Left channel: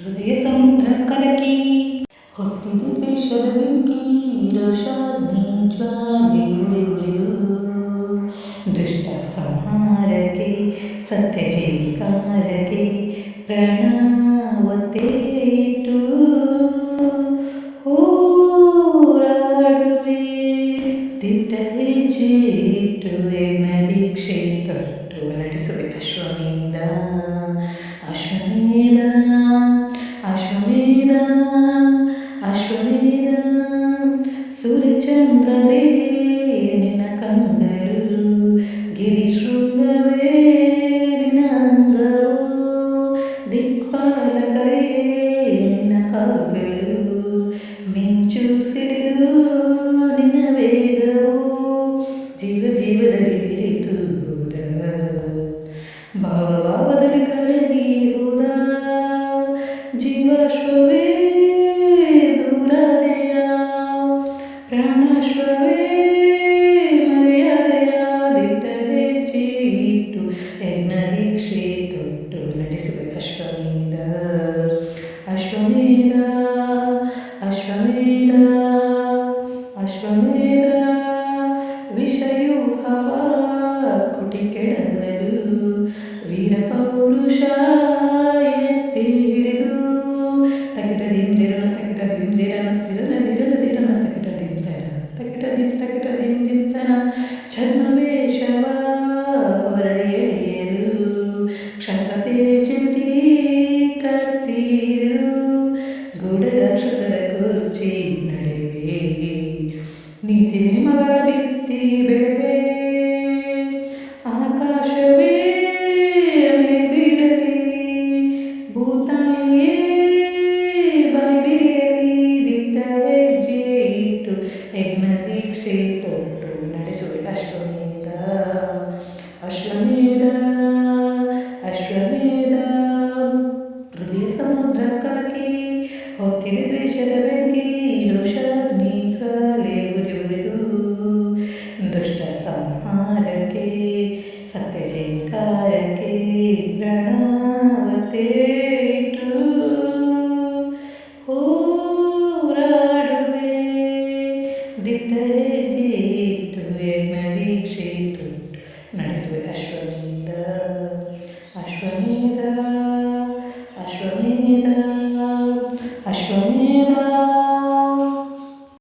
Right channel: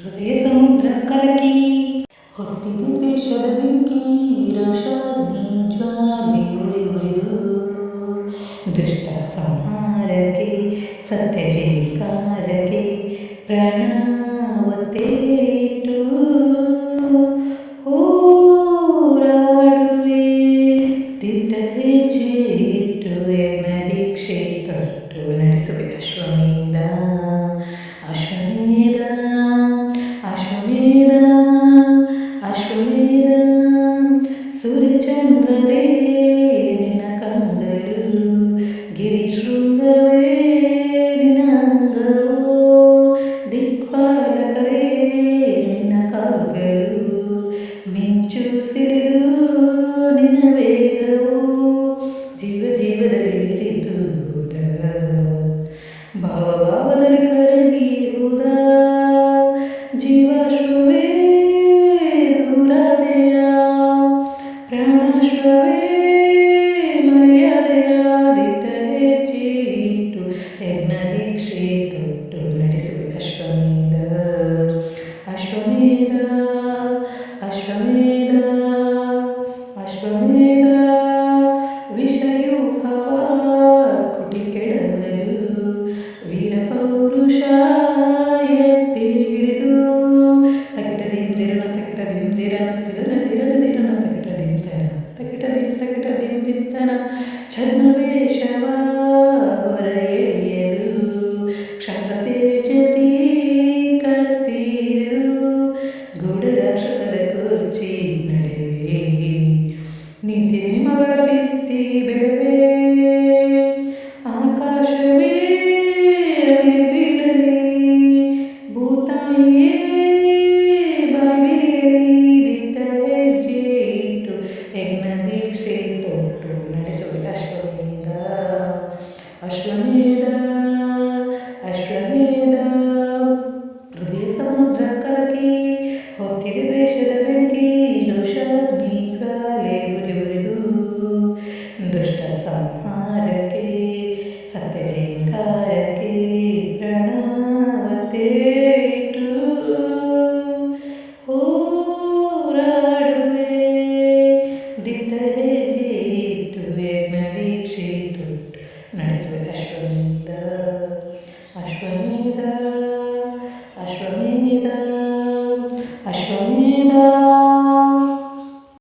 ಹೃದಯ ಸಮುದ್ರ ಕಲಕಿ ಹೊತ್ತಿದೆ ದ್ವೇಷದ ಬೆಂಕಿ, ರೋಷಾಗ್ನಿ ಜ್ವಾಲೆ ಉರಿ ಉರಿದು ದುಷ್ಟ ಸಂಹಾರಕ್ಕೆ ಸತ್ಯ ಜಯಕಾರಕ್ಕೆ ಪ್ರಾಣ ಒತ್ತೇಟು ಹೋರಾಡುವೆ. ದಿಟ್ಟ ಹೆಜ್ಜೆ ಇಟ್ಟು ಯಜ್ಞ ದೀಕ್ಷೆ ತೊಟ್ಟು ನಡೆಸುವೆ ಅಶ್ವಮೇಧ ಅಶ್ವಮೇಧ ಅಶ್ವಮೇಧ ಅಶ್ವಮೇಧ. ಸೂರ್ಯಚಂದ್ರರೇ ನಿನ್ನ ಕಂಗಳು, ಗಿರಿಶೃಂಗವೇ ನಿನ್ನ ಅಂಗವೋ, ದಿಕ್ಪಾಲಕರೇ ನಿನ್ನ ಕಾಲ್ಗಳು, ಮಿಂಚು ಸಿಡಿಲು ನಿನ್ನ ವೇಗವೋ, ಜೀವ ಜೀವದಲ್ಲಿ ಬೆರೆತು ಹೋದ, ಭಾವ ಭಾವದಲ್ಲಿ ಕರಗಿ ಹೋದ, ಜೀವಾಶ್ವವೇ ದೂರಾದೆಯ, ಪ್ರಾಣಾಶ್ವವೇ ಮರೆಯಾದೆಯ. ದಿಟ್ಟ ಹೆಜ್ಜೆ ಇಟ್ಟು ಯಜ್ಞ ದೀಕ್ಷೆ ತೊಟ್ಟು ನಡೆಸುವೆ ಅಶ್ವಮೇಧ ಅಶ್ವಮೇಧ ಅಶ್ವಮೇಧ ಅಶ್ವಮೇಧ. ವಿಷಯೂಹವ ಕುಟಿ ಕೆಡವಲು ವೀರ ಪೌರುಷ ಎತ್ತಿ ಹಿಡಿದು, ತಕಿಟ ದಿಂದಿರನ ತಕಿಟ ದಿಂದಿರನ ತಿರನ ದಿರನ ದಿರನ ತಕಿಟ ದಿಂತನ ತಕಿಟ ದಿಂತನ. ಛದ್ಮವೇಷವ ಹೊರ ಎಳೆಯಲು ಕ್ಷತ್ರ ತೇಜದಿ ಕತ್ತಿರಿದು, ಗೂಢ ರಾಕ್ಷಸರ ಕುರ್ಚಿ ನಡೆವೆ, ನೀತಿ ನೇಮಗಳ ಬಿತ್ತಿ ಬೆಳೆವೆ. ಆಕಾಶವೇ ಮೇಲ್ಬೀಳಲಿ, ಭೂತಾಯಿಯೇ ಬಾಯಿ ಬಿರಿಯಲಿ. ದಿಟ್ಟ ಹೆಜ್ಜೆ ಇಟ್ಟು ಯಜ್ಞ ದೀಕ್ಷೆ ತೊಟ್ಟು ನಡೆಸುವೆ ಅಶ್ವಮೇಧ ಅಶ್ವಮೇಧ ಅಶ್ವಮೇಧ. ಹೃದಯ ಸಮುದ್ರ ಕಲಕಿ ಹೊತ್ತಿದೆ ದ್ವೇಷದ ಬೆಂಕಿ, ರೋಷಾಗ್ನಿ ಜ್ವಾಲೆ ಉರಿ ಉರಿದು ದುಷ್ಟ ಸಂಹಾರಕ್ಕೆ ಸತ್ಯ ಜಯಕಾರಕ್ಕೆ ಪ್ರಾಣ ಒತ್ತೇಟು ಹೋರಾಡುವೆ. ದಿಟ್ಟ ಹೆಜ್ಜೆ ಇಟ್ಟು ಯಜ್ಞ ದೀಕ್ಷೆ ತೊಟ್ಟು ನಡೆಸುವೆ ಅಶ್ವಮೇಧ ಅಶ್ವಮೇಧ ಅಶ್ವಮೇಧ ಅಶ್ವಮೇಧ.